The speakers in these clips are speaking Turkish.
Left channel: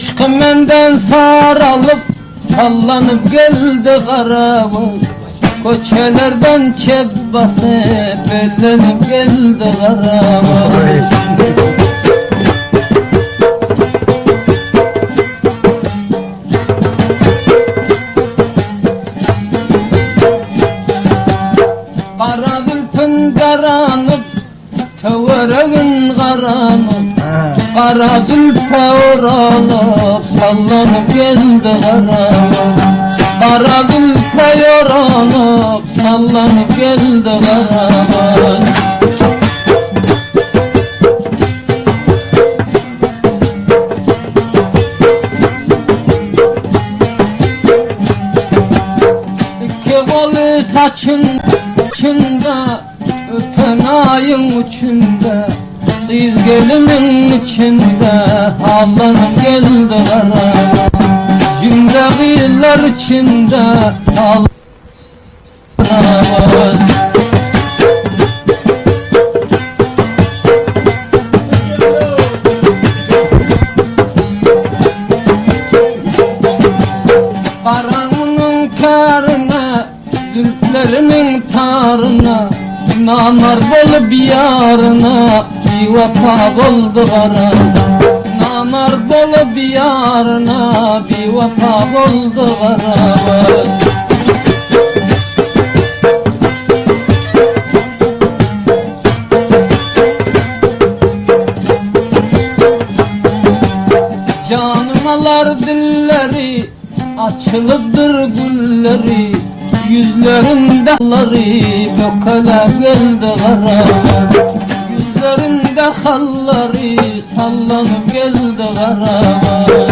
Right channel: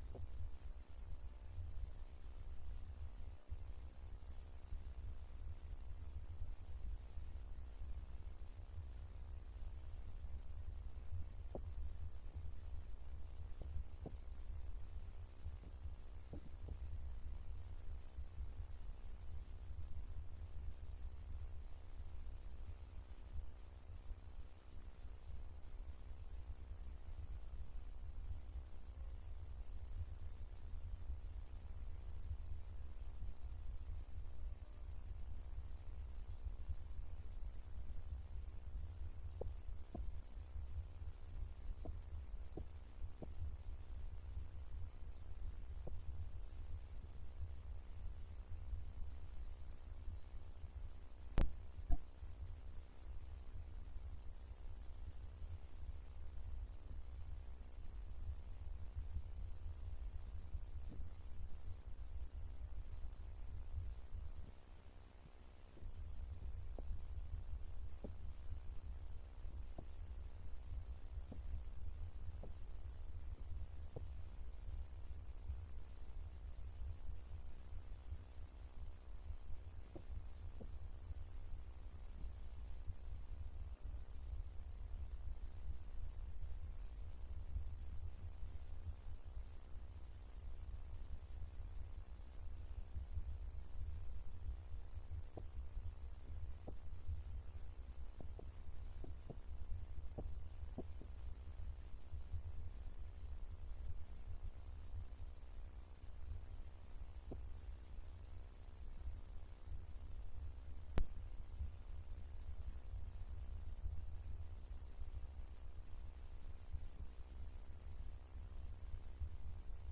Işkı menden saralıp sallanıp geldi karavuz. Koçelerden çep basıp ellenip geldi karavuz. Kara gülpün karanıp tevereğin karanıp Kara gülpe oralıp sallanıp geldi karavuz. Kara gülpe yoranıp sallanıp geldi karavuz. İki kolu saçın uçunda, öten ayın uçunda, kız gelimin içinde ağlanıp geldi karavuz. Cümle kızlar içinde ağlanıp karavuz. Karanın karına, zülflerinin tarına, namar bolup yarına bir vefa buldu kara. Namar bolup yarına bir vefa buldu kara. Canımalar dilleri, açılıpdır gülleri, yüzlerinde halları bökele geldi karavuz. Yüzlerinde halları sallanıp geldi karavuz.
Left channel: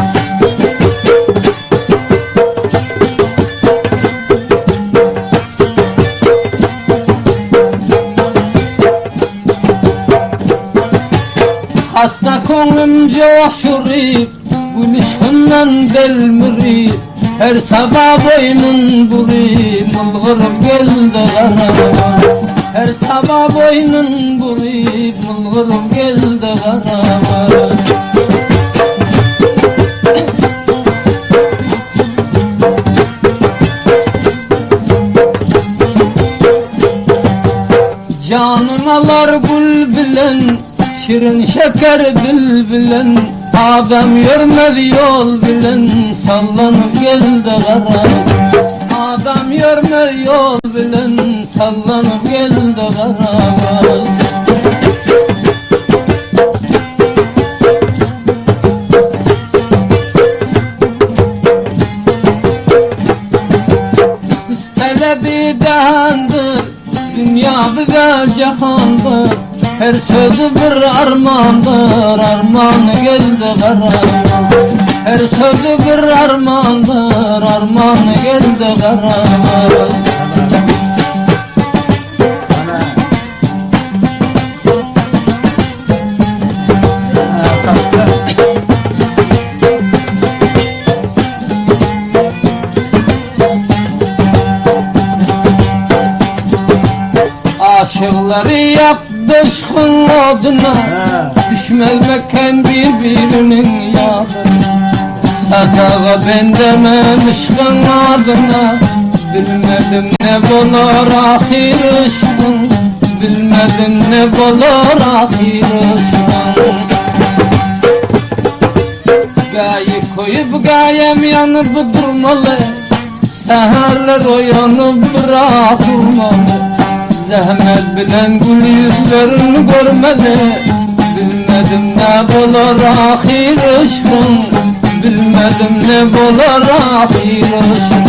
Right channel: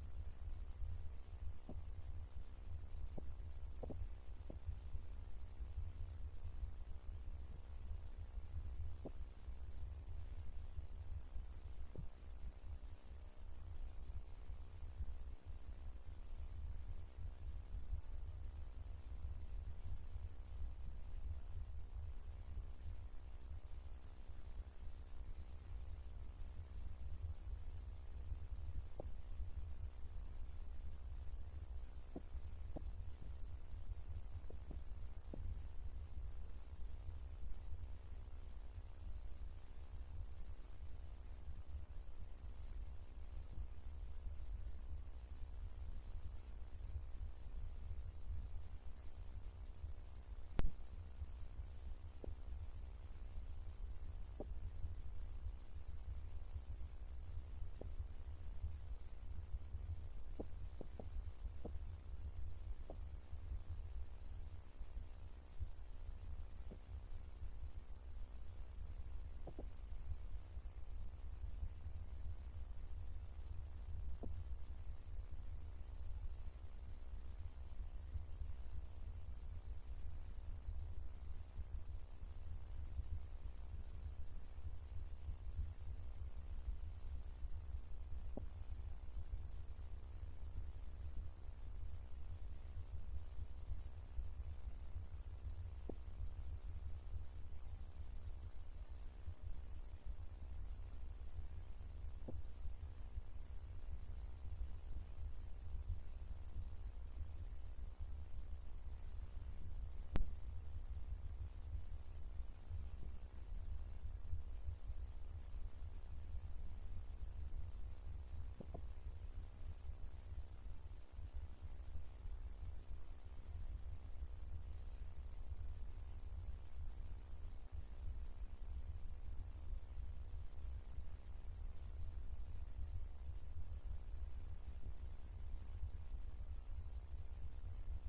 Hasta konum coşurip, gül işkından delmirip, her sabah boynun burip, bulgurup geldi karavuz. Her sabah boynun burip, bulgurup geldi karavuz. Canımalar gül bilen, şirin şeker bülbülen, adam görmedi yol bilen, sallanıp geldi karavuz. Adam görmedi yol bilen, sallanıp geldi karavuz. Talebi dehandır, dünya bize cahandır. Her sözü bir armandır, armanı geldi karavuz. Her sözü bir armandır, armanı geldi karavuz. Aşıkları yaklaşkın oduna, düşmezmeken birbirinin yadına. Sadağa bendememişkin adına, bilmedim ne bulur ahir ışkın, bilmedim ne bulur ahir ışkın. Gaye koyup gayem yanıp durmalı, seherler uyanıp bırakılmalı. Zahmet bilen gül yüzlerini görmeli, bilmedim ne bulur ahir ışkın, bilmedim ne bulur ahir ışkın.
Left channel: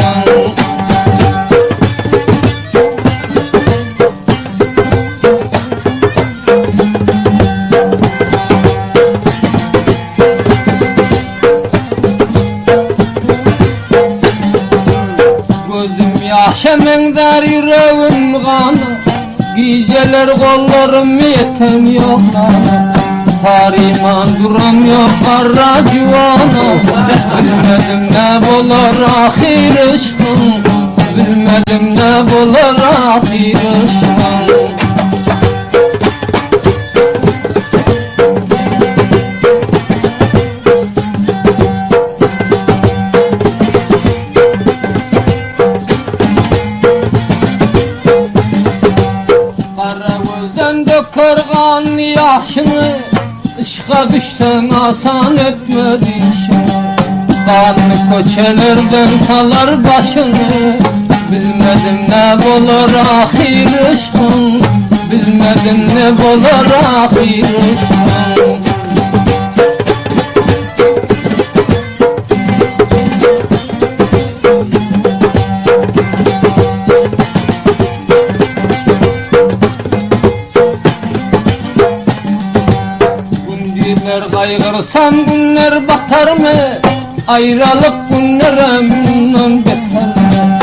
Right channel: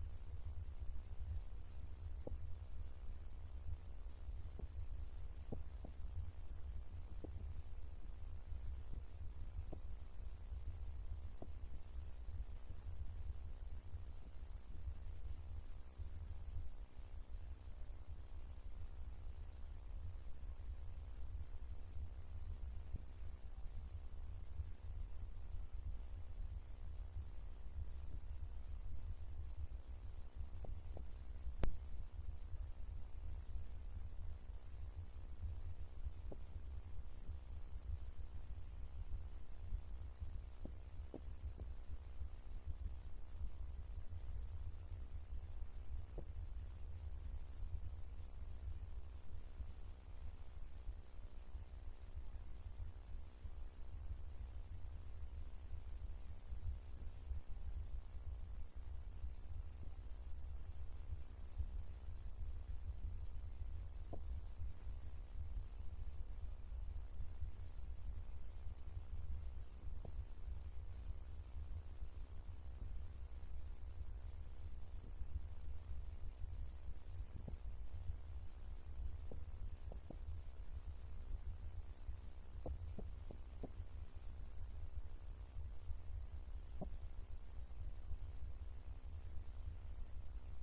Gözüm yaşamın der yüreğim kanı, geceler kollarım yetemiyor. Tariman duramıyor kara civana. Bilmedim ne bulur ahir ışkın, bilmedim ne bulur ahir ışkın. Başa düşten asan etmedi işini. Kanlı koçelerden salar başını. Bilmedim ne olur ahir ışkın. Bilmedim ne olur ahir ışkın. Günler kaygırsam günler batar mı? Ayrılık günlere bundan beter mi?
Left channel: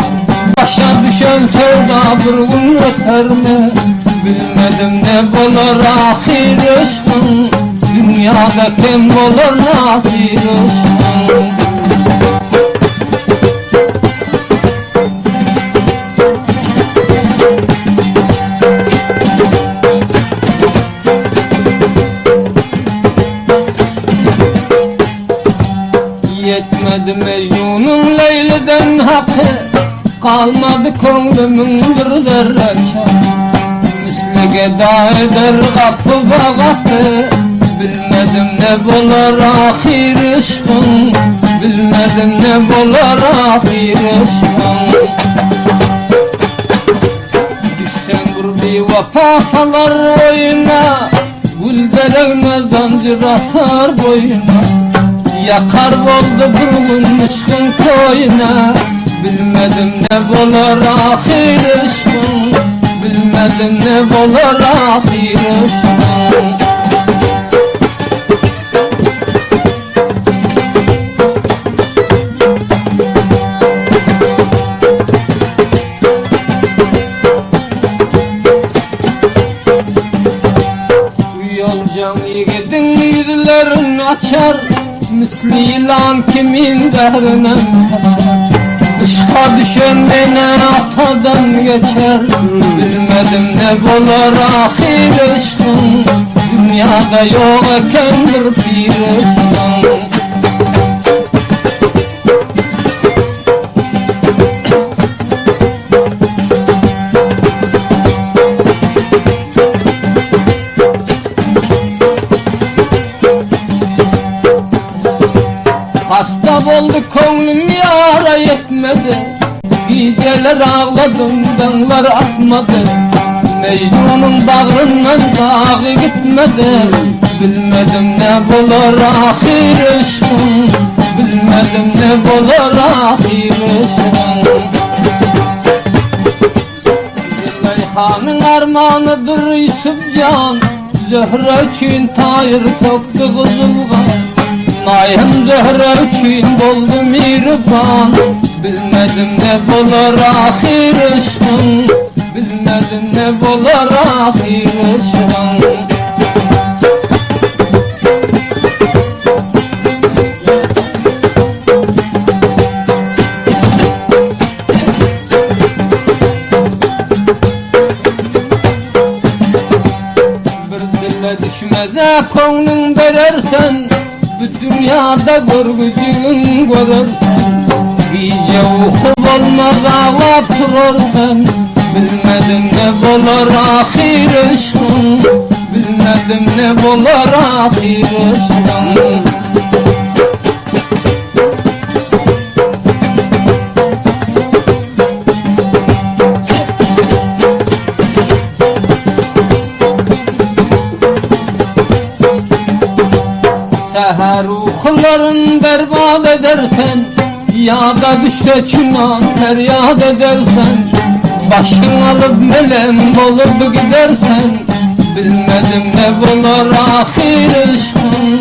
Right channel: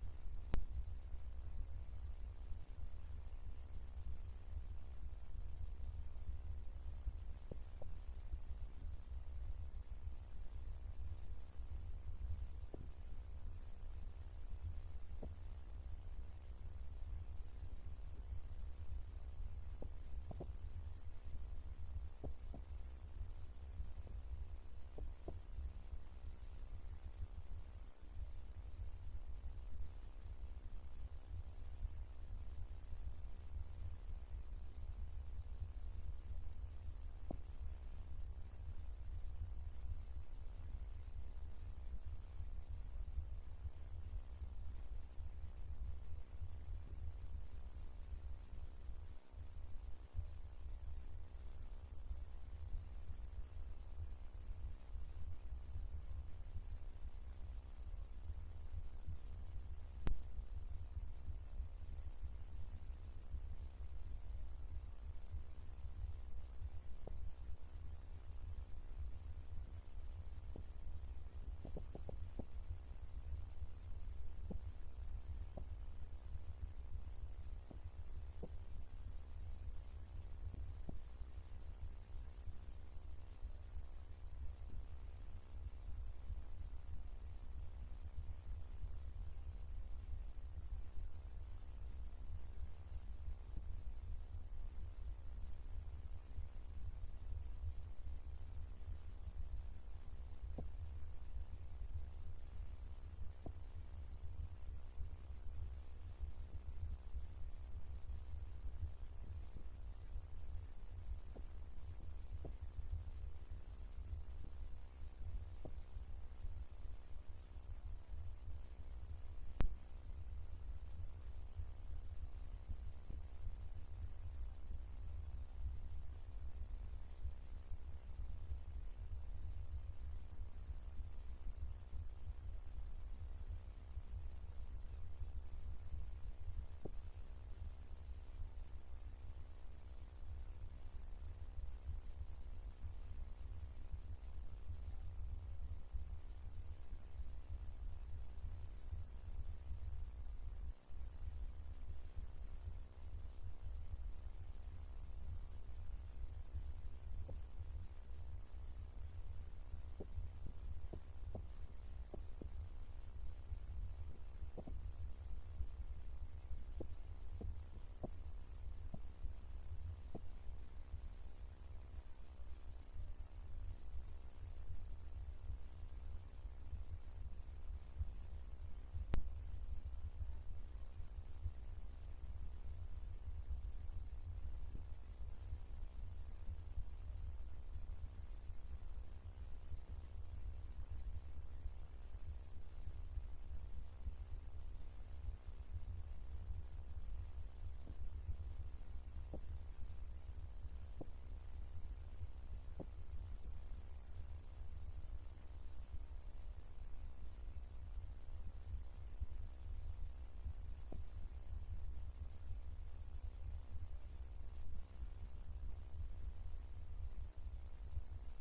Başa düşen sevda bir gün öter mi? Bilmedim ne olur ahir ışkın. Dünyada kim olur ahir ışkın. Yetmedi Mecnun'un Leyli'den hakkı. Kalmadı kongumun bir derece. Misli geda eder kapı kapı. Bilmedim ne olur ahir ışkın. Bilmedim ne olur ahir ışkın. Düşsen vur bir vefa salar oyuna. Gül belenmeden cirasar boyuna. Yakar oldu burgun ışkın koyuna. Bilmedim ne olur ahir ışkın. Bilmedim ne olur ahir ışkın. Bu yolcan yiğidin yüzlerini açar. Misli yılan kimin dehrine kaçar. Işka düşen beni atadan geçer. Bilmedim ne olur ahir ışkın. Dünyada yok ekendir bir ışkın. Hasta oldu konum yara yetmedi. Geceler ağladım dağlar atmadı. Mecnun'un bağrından dağı gitmedi. Bilmedim ne olur ahir ışkın. Bilmedim ne olur ahir ışkın. Züleyha'nın armağanıdır Yusufcan. Zöhre için tayır soktu kızılgan. Mayhem zöhre için doldu mirban. Bilmedim ne olur ahir ışkın. Bilmedim ne olur ahir ışkın. Bir dille düşmeze konun verersen. Bu dünyada görgücün görürsen. Gece uyku olmaz ağlap durursan. Bilmedim ne olur ahir ışkın. Bilmedim ne olur ahir ışkın. Seher uykuların berbat edersen. Ya da düşte çınan feryat edersen. Başın alıp melem olup gidersen. Bilmedim ne olur ahir ışkın.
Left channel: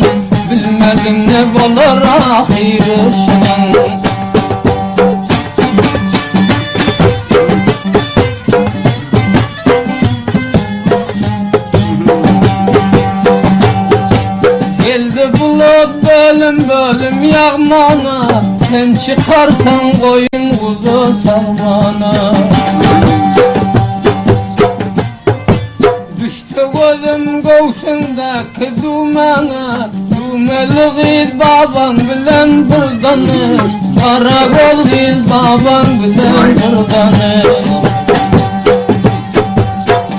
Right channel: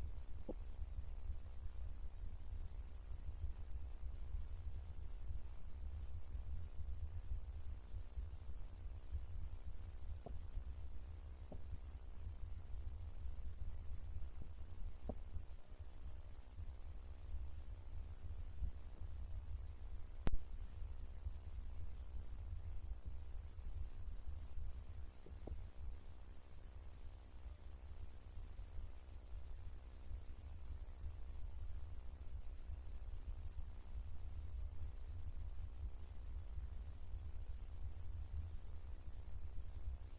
Bilmedim ne olur ahir ışkın. Geldi bulut bölüm bölüm yağmana. Sen çıkarsan koyun kuzu sarmana. Düştü gözüm göğsündeki dumana. Dumeli gil baban bilen bir danış. Karakol gil baban bilen bir danış.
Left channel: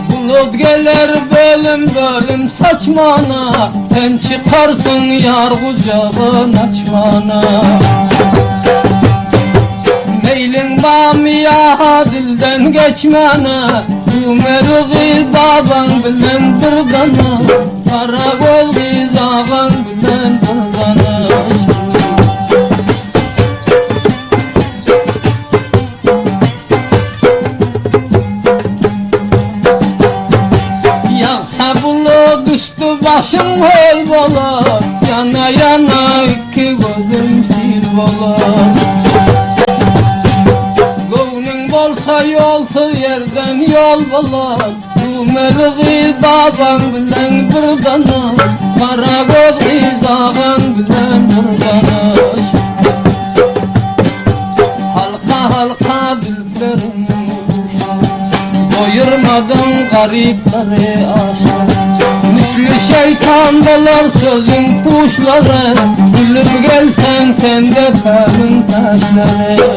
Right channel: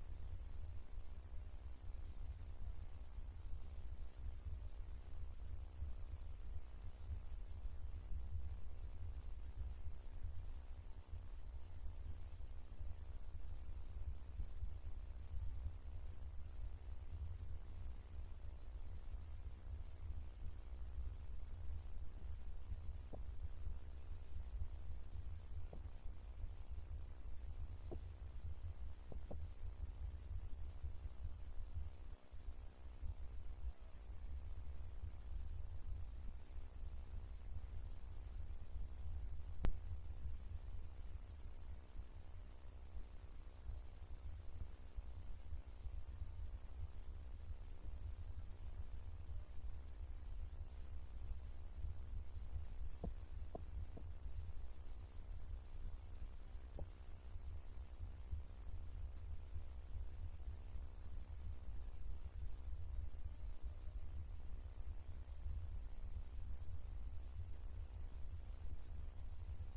Bulut gelir bölüm bölüm saçmana, sen çıkarsın yar kucağın açmana. Meylin bamiya dilden geçmene, Umer'i baban bilen bir dana, Karakol gizağın bilen bir dana. Yağsa bulu düştü başım hol bolar, yana yana iki gözüm sil bolar. Olsa yolsuz yerden yol bular, Umer'i baban bilen bir dana, Karakol gizağın bilen bir dana. Halka halka dilberim doyurmadım garipleri aşk. Misli şeytan dolar sözün kuşları, Gülüp gelsen sen de kalın taşları.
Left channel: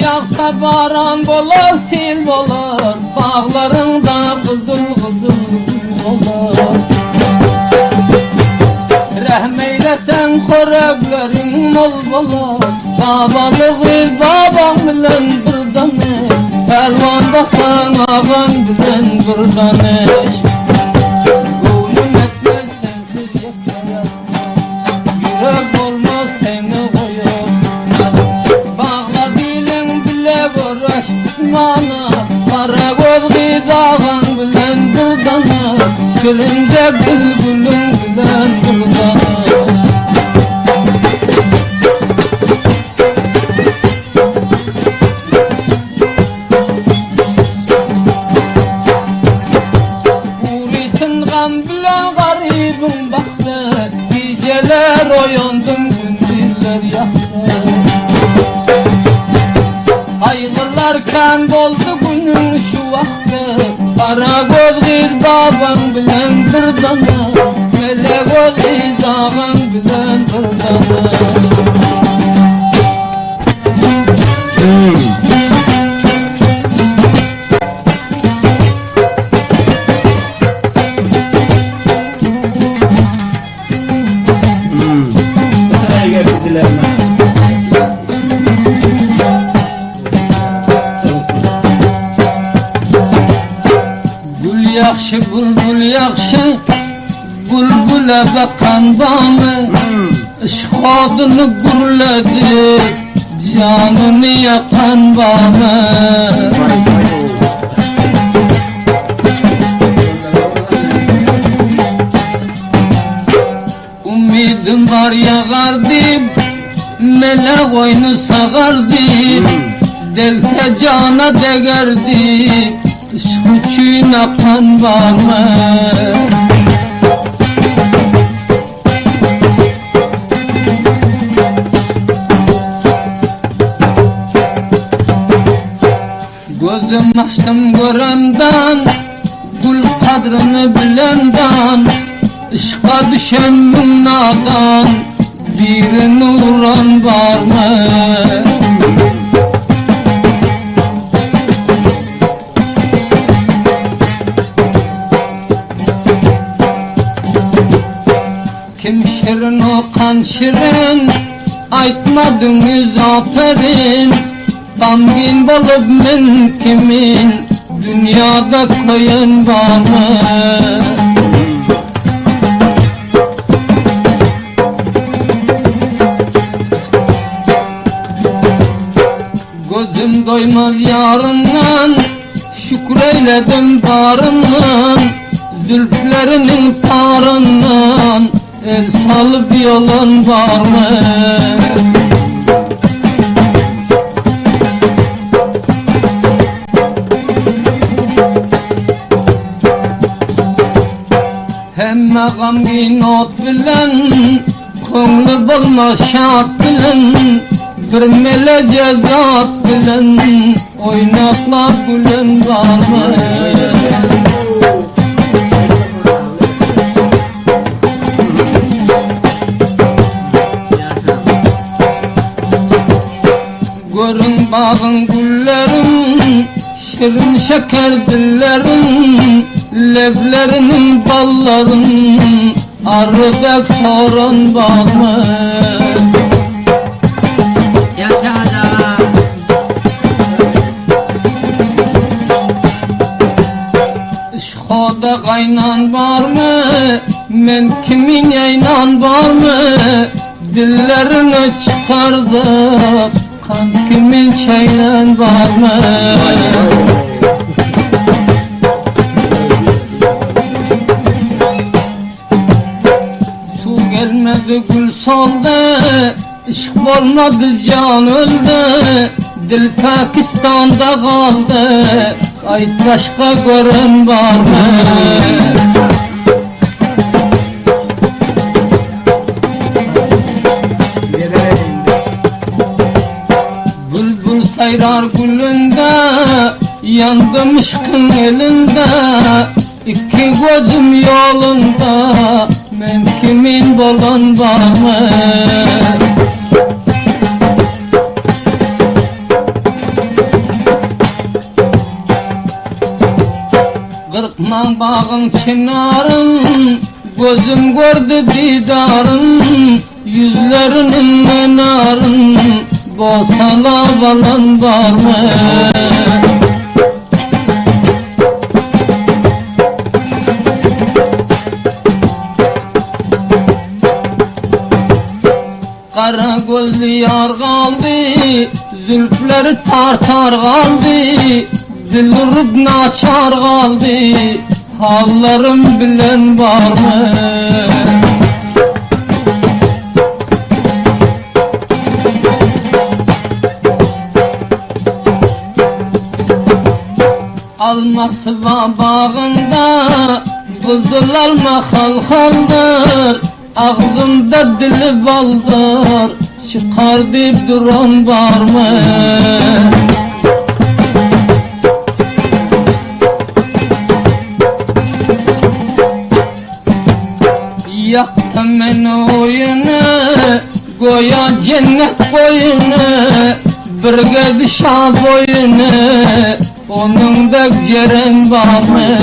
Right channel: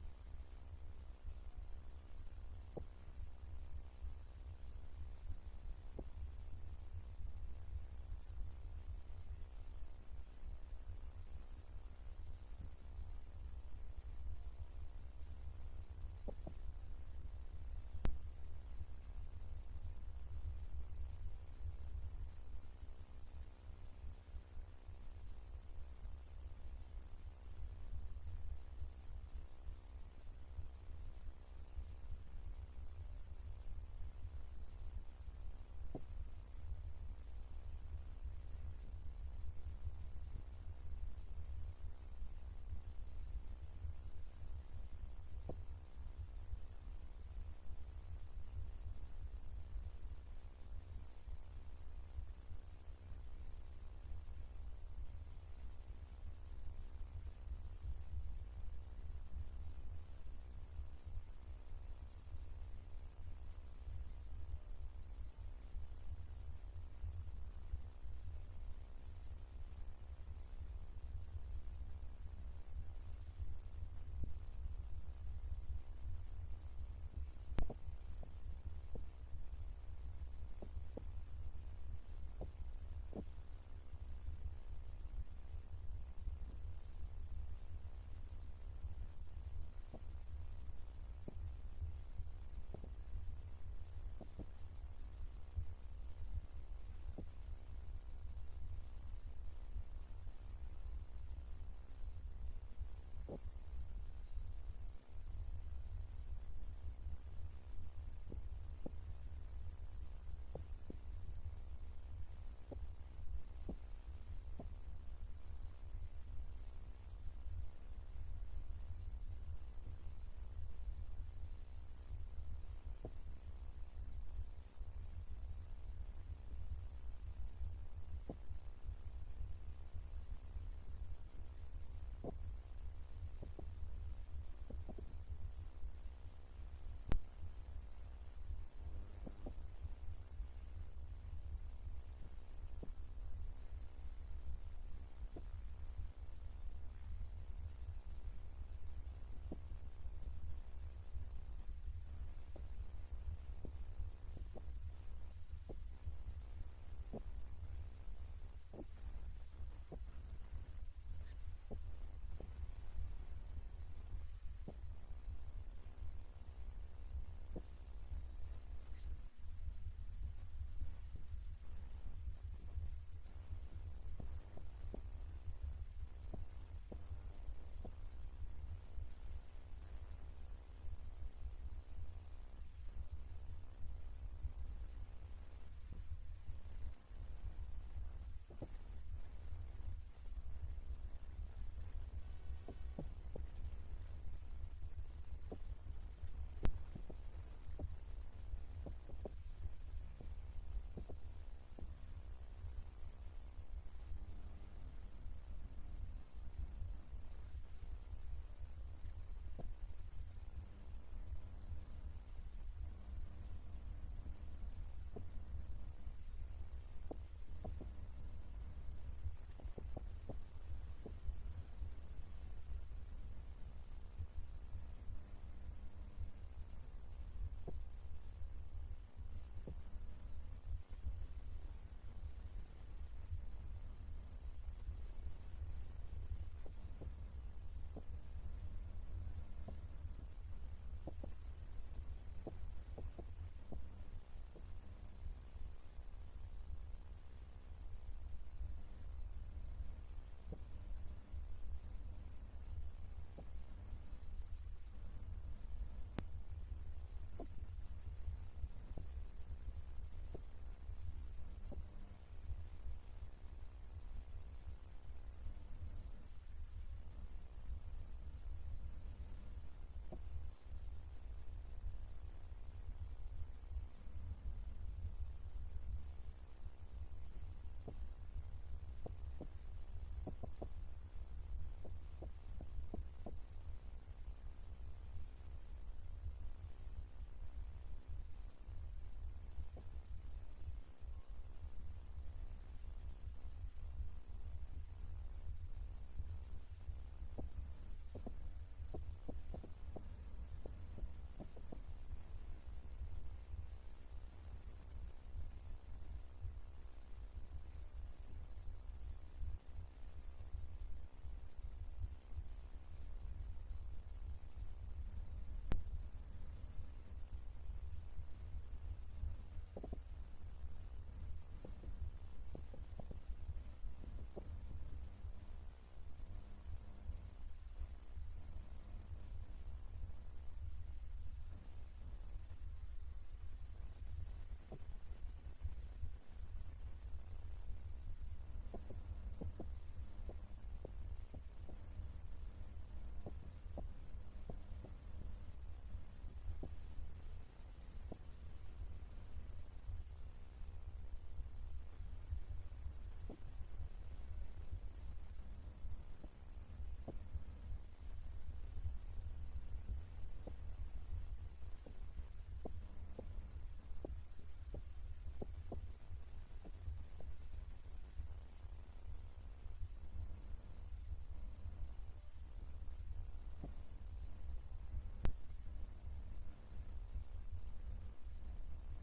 Yağsa baran bolar, sil bolar, bağlarında kızıl kızıl gül bolar. Rahmeylesen xoreklerin mol bolar, babalığı baban bilen bir dane, Pelvan basan ağan bilen bir dane. Gönlüm etmez sensiz yeter, yürek olmaz seni koyar. Mana, Karakol gizağın bilen bir dana, Gülünce gülgülün bilen bir dana. Urisin gam bilen garibim baktı, Geceler oyandım gündüzler yaktı. Ayrılarken doldu günün şu vakti, Karakol baban bilen bir dana, Melekol gizağın bilen bir dana. Yaxşı bülbül yaxşı, bülbüle bakan bana, İşkadını gürledi, canını yakan bana. Umidim var yağardı, melek oyunu sağardı, Delse cana degerdi, Işk için akan bana. Gözüm açtım göremden, Gül kadrini bilenden, Işka düşen münnadan, Birini vuran var mı? Kim şirin okan şirin, Aytmadınız aferin, Tamgin bolup men kimin, Dünyada koyun var mı? Gözüm doymaz yarından, Şükreyledim barından, Zülflerinin tarından, El salıp yolun var mı? Hemme gamgin ot bilen, Ko'ngli bulma şat bilen, Bir melece zat bilen, Oynaklar gülen var mı? şeker dillerin, leblerinin balların, arıbek sorun bağlı. Yaşa. Işkoda kaynan var mı? Men kimin yaynan var mı? Dillerini çıkardı, kan kimin çaylan var mı? Su gelmedi gül soldu, işk olmadı can öldü. Dil Pakistan'da kaldı, ay başka görün var mı? Bülbül sayrar gülünde, yandım ışkın elinde. İki gözüm yolunda, men kimin bolan var mı? Kırkman bağın çınarın, gözüm gördü didarın. Yüzlerinin menarın, bosala balan var mı? Kara gözlü yar kaldı, zülfleri tartar kaldı. Dilrup naçar kaldı, hallarım bilen var mı? Almak sıva bağında, kızıl alma halhaldır. Ağzında dili baldır, çıkar deyip duran var mı? Yaktım ben oyunu, goya cennet boyunu. Birge bir şah boyunu, onun da ceren var mı?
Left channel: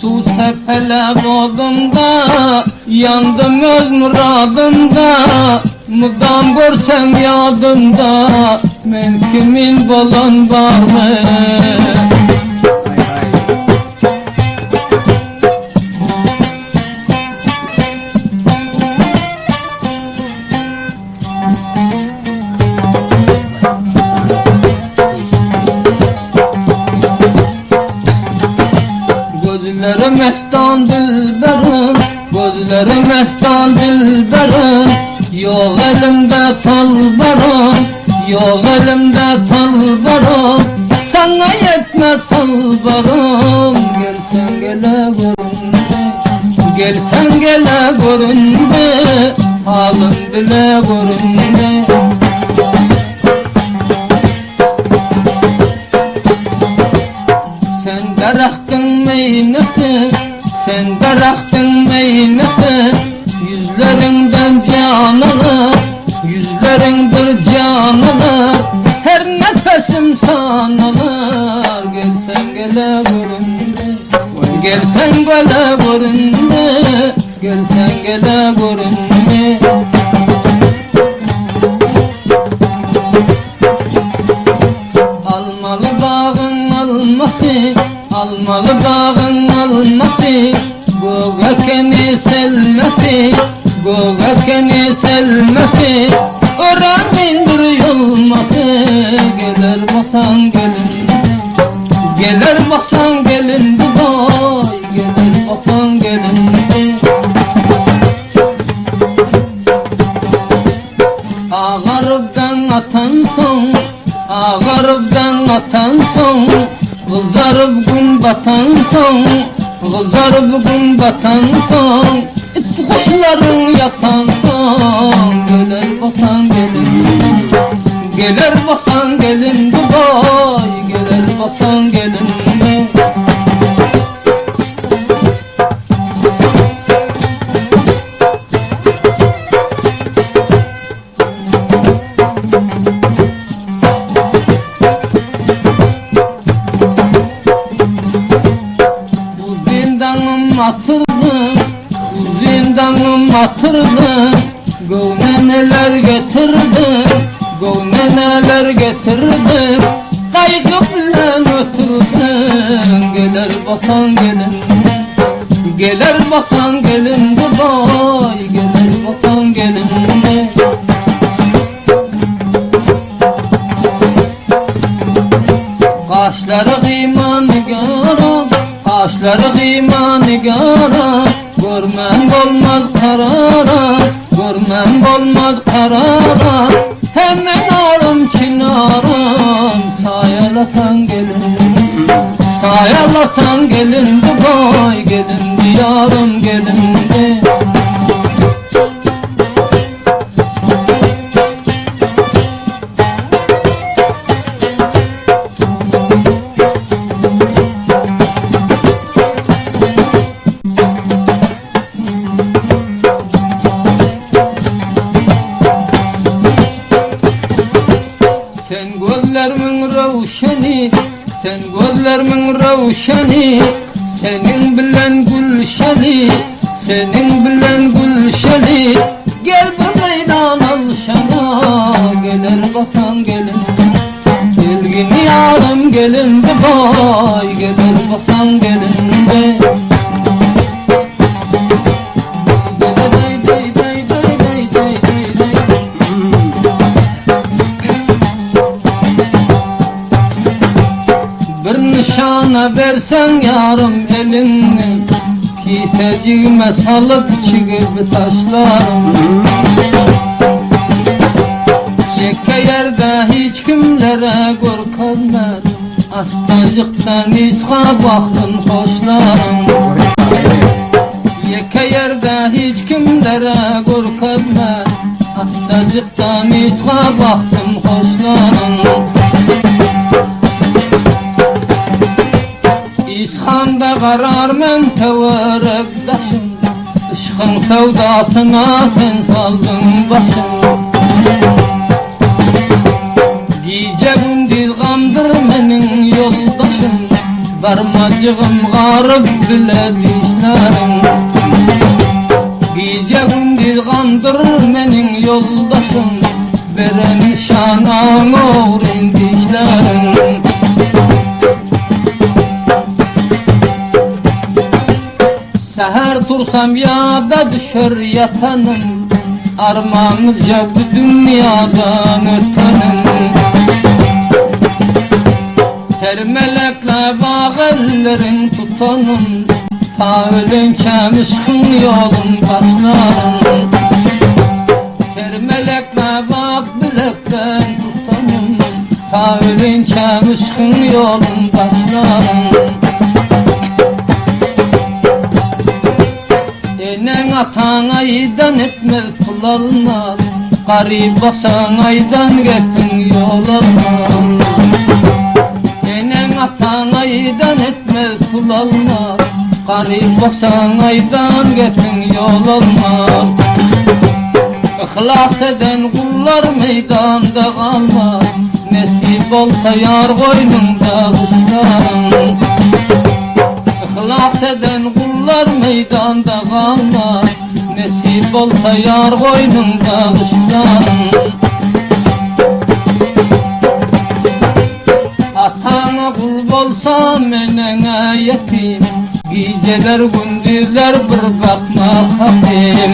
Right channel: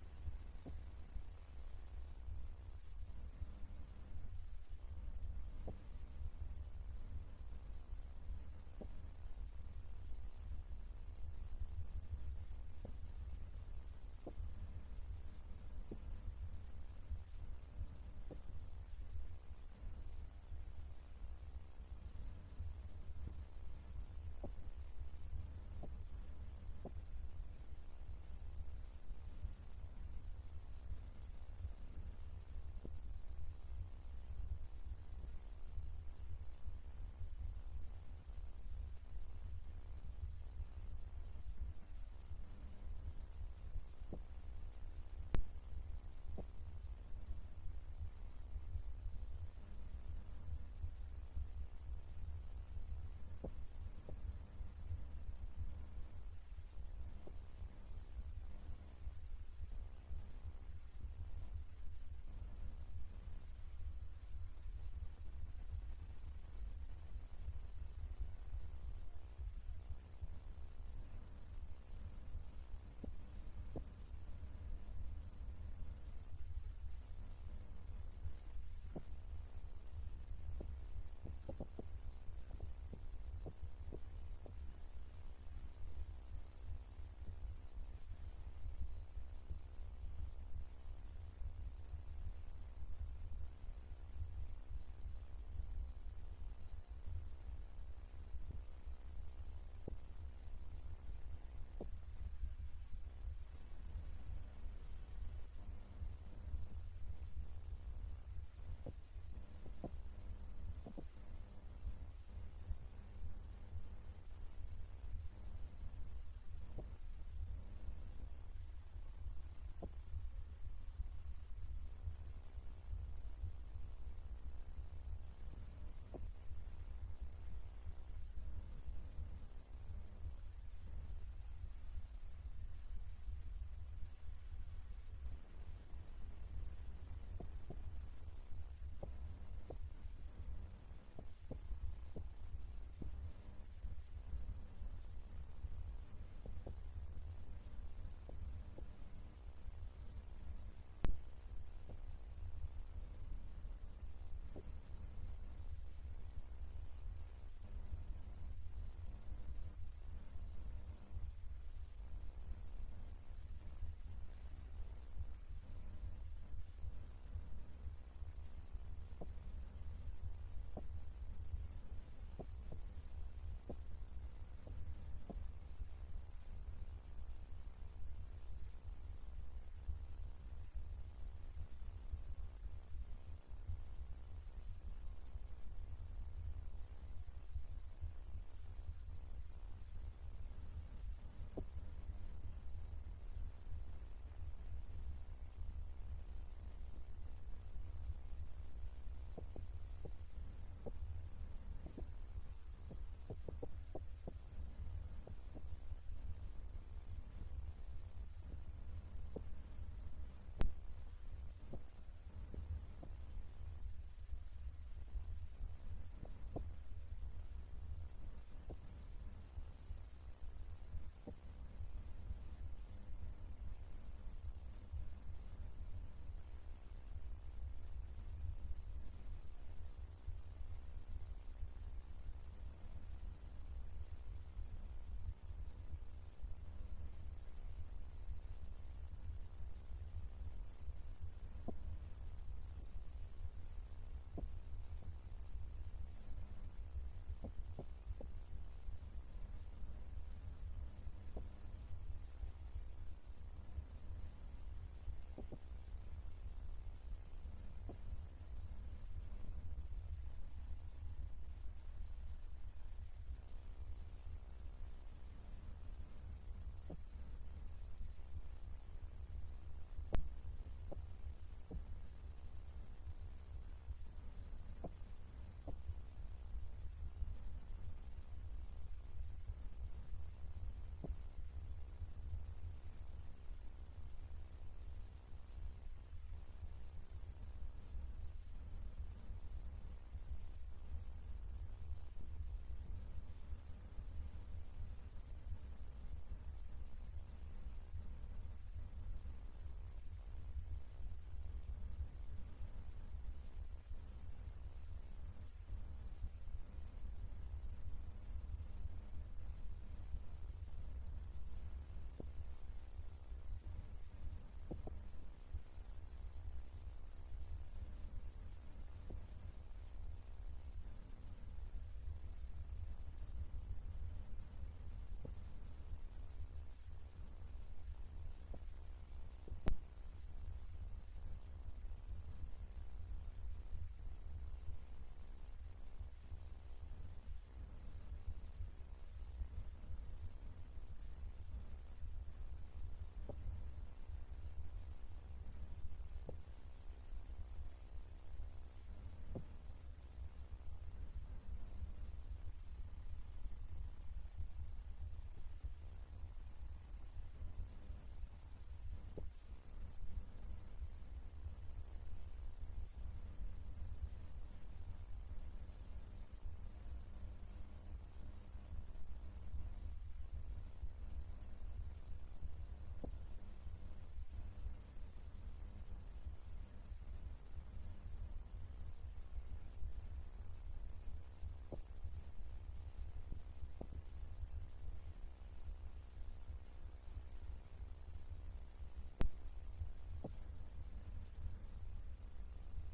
Su sepele bodumda, yandım öz muradımda. Mudam görsem yadımda, men kimin bolan var mı? Gözlerim mestan dilberim, gözlerim mestan dilberim. Yok elimde talbarım, yok elimde talbarım. Sana yetmez salbarım, gelsen gele görünme. Gelsen gele görünme, halım bile görünme. Sen daraktın meynesi, sen daraktın meynesi. Yüzlerinden can alır, yüzlerindir can alır. Her nefesim sanılır. Gelsen gele görünme, gelsen gele görünme, gelsen gele görünme. Almalı bağın alması, almalı bağın alması. Göğekeni selmesi, göğekeni selmesi. Öğren indir yolması, gelir basan gelin. Gelir basan gelin Dubai, gelir basan gelin. Ağarıptan atan son, ağarıptan atan son. Kızarıp gün batan son, kızarıp gün batan son. Kuşların yatan son, gelir basan gelin. Gelir basan gelin Dubai, gelir basan gelin. neler getirdim, kaygı bilen ötürdüm. Gelir basan gelin, gelir basan gelin Dubai, gelir basan gelin. Kaşları kıyma nigara, kaşları kıyma nigara, görmem olmaz karara, görmem olmaz karara. Hemen alım çınarım, sayalasan gelin, sayalasan gelin Dubai, gelin diyarım gelin de. Sen gözlerimin ravşani, sen gözlerimin ravşani, senin bilen gülşani, senin bilen gülşani. Gel bu meydan alşana, gelir basan gelin, gelgin yarım gelin Dubai, gelir basan gelin de. Bir nişana versen yarım elini, kiteciğime salıp çıkıp taşlarım. Yeke yerde hiç kimlere korkanlar, astacıktan izha baktım hoşlarım. Yeke yerde hiç kimlere korkanlar, astacıktan izha baktım hoşlarım. İshanda karar men teverekdaşım, Işkın sevdasına sen saldın başım. Giyeceğim dilgamdır menin yoldaşım, Varmacığım garip bile dişlerim. Giyeceğim dilgamdır menin yoldaşım, Veren nişanan uğrin dişlerim. Seher tursam yada düşer yatanım, Armağanızca bu dünyadan ötenim. Sermelekle bağ ellerin tutanım, Ta ölünkem ışkın yolun başlarım. Sermelekle bak bilekten tutanım, Ta ölünkem ışkın yolun başlarım. Enen atan aydan etmez pul almaz, Garip basan aydan gepin yol almaz. Enen atan aydan etmez pul almaz, Garip basan aydan gepin yol almaz. İhlas eden kullar meydanda kalmaz, Nesip olsa yar koynunda kuşlarım. İhlas eden kullar meydanda kalmaz, Nesip olsa yar koynunda kuşlarım. Atana kul bolsam enene yetim, Geceler gündüzler bir bakma hatim.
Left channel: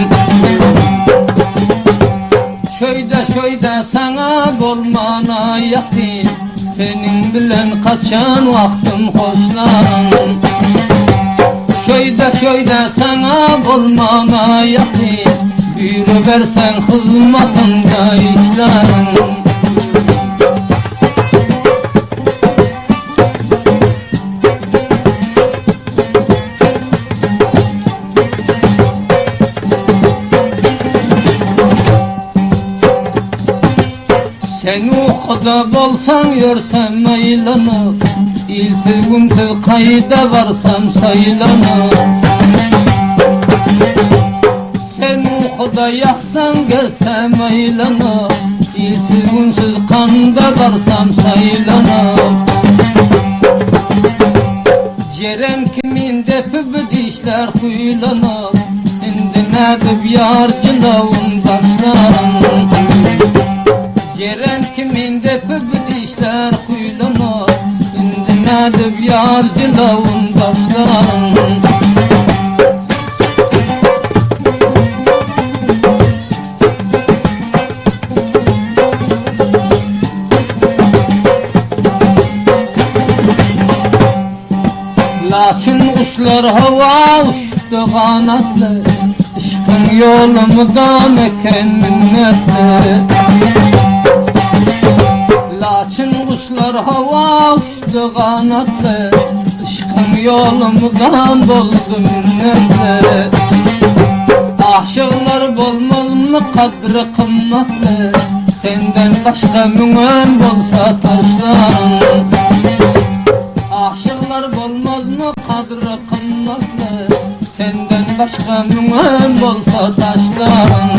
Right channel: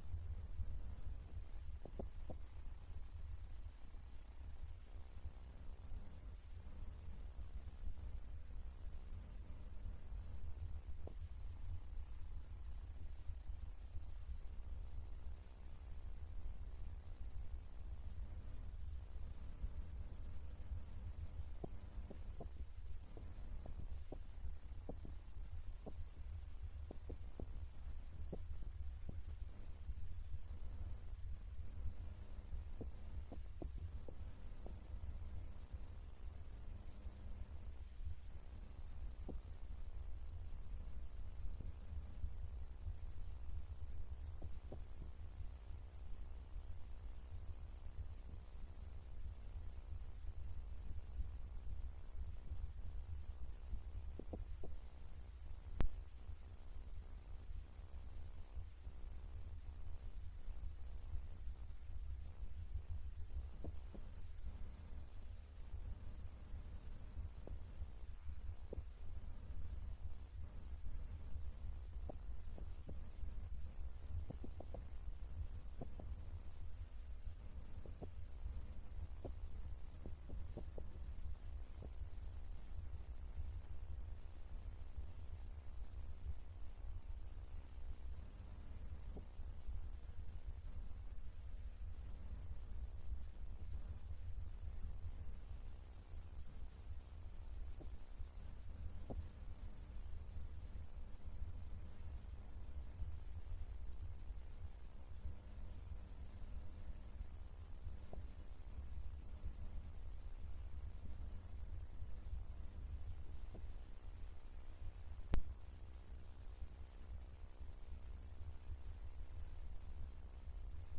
Şöyde sana bolmana yatim, Senin bilen kaçan vaktim hoşlanım. Şöyde sana bolmana yatim, Buyur versen hizmetinde işlerim. Sen uxuda bolsan görsem aylanır, İltigim tül kayda varsam saylanır. Sen uxuda yaxsan gelsem aylanır, İltigimsiz kanda varsam saylanır. Cerem kimin depi dişler huylanır, Indi nedip yarcılavun başlarım. Cerem kimin de keyfi bilişler kuyulana dinledim yar cilavun taşlarım. Lakin kuşlar hava uçtu kanatlı, aşkın yolumdan eken minnetli. Lakin kuşlar hava uçtu kanatlı, aşkın yolumdan doldu minnetli. Aşıklar bolmaz mı kadri kımmatlı, senden başka müngün bolsa taşlarım. Aşıklar bolmaz mı kadri kımmatlı, senden başka müngün bolsa taşlarım.